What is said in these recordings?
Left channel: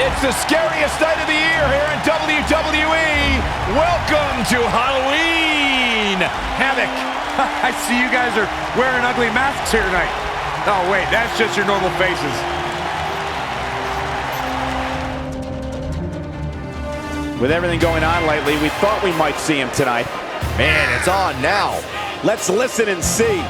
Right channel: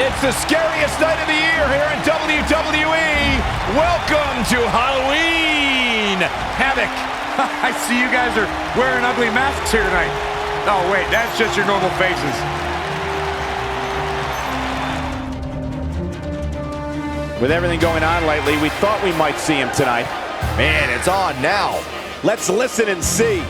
It's the scariest night of the year here in WWE. Welcome to Halloween Havoc. I see you guys are wearing ugly masks here tonight. Oh, wait, that's just your normal faces. With everything going on lately, we thought we might see him tonight. Man, it's on now. Let's listen and see.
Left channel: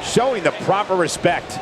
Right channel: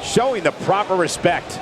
Showing the proper respect.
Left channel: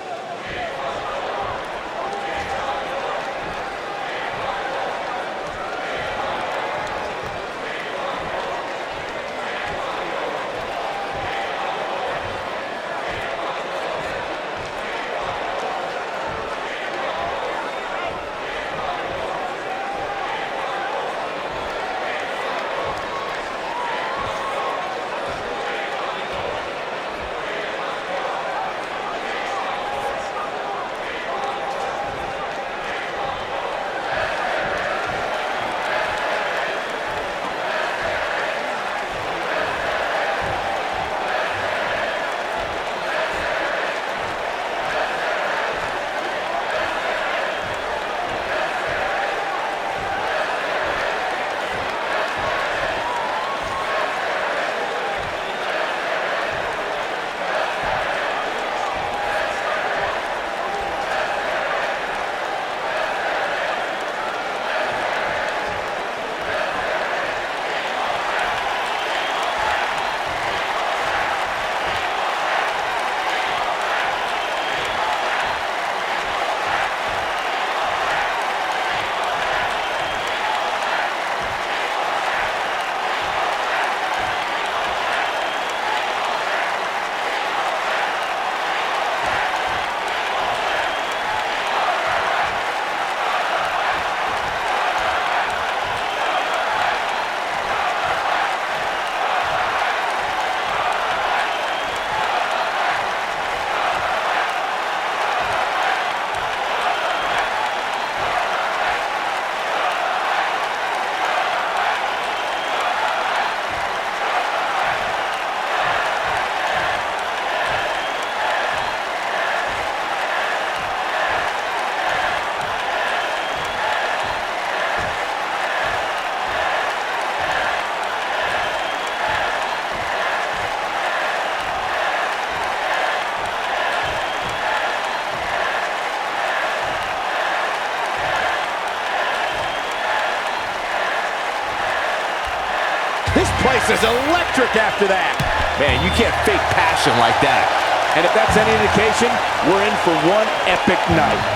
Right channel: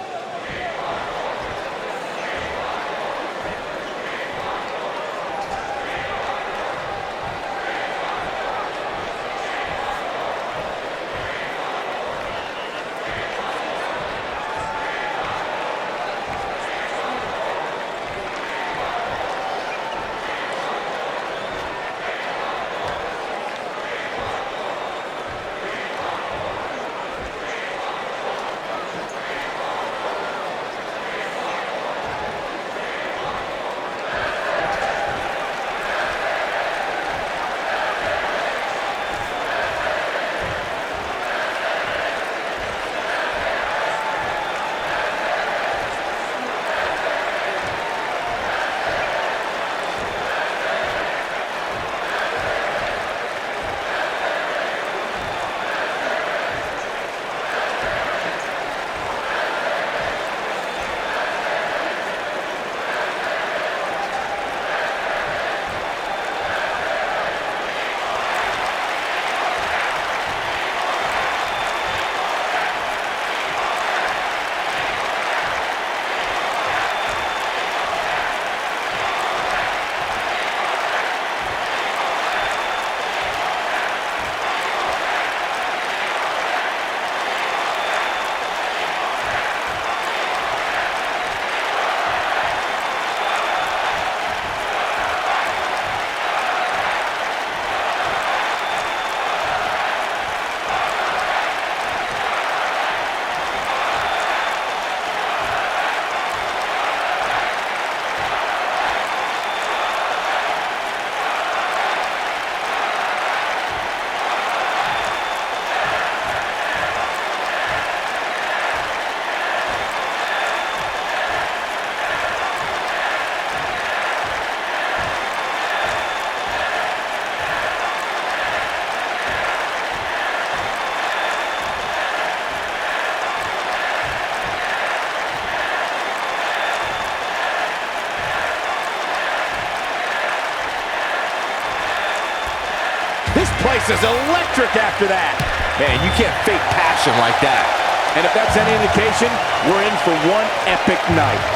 This place is electric after that. Man, you can't fake passion like that. And if that's any indication, we're in for one epic night.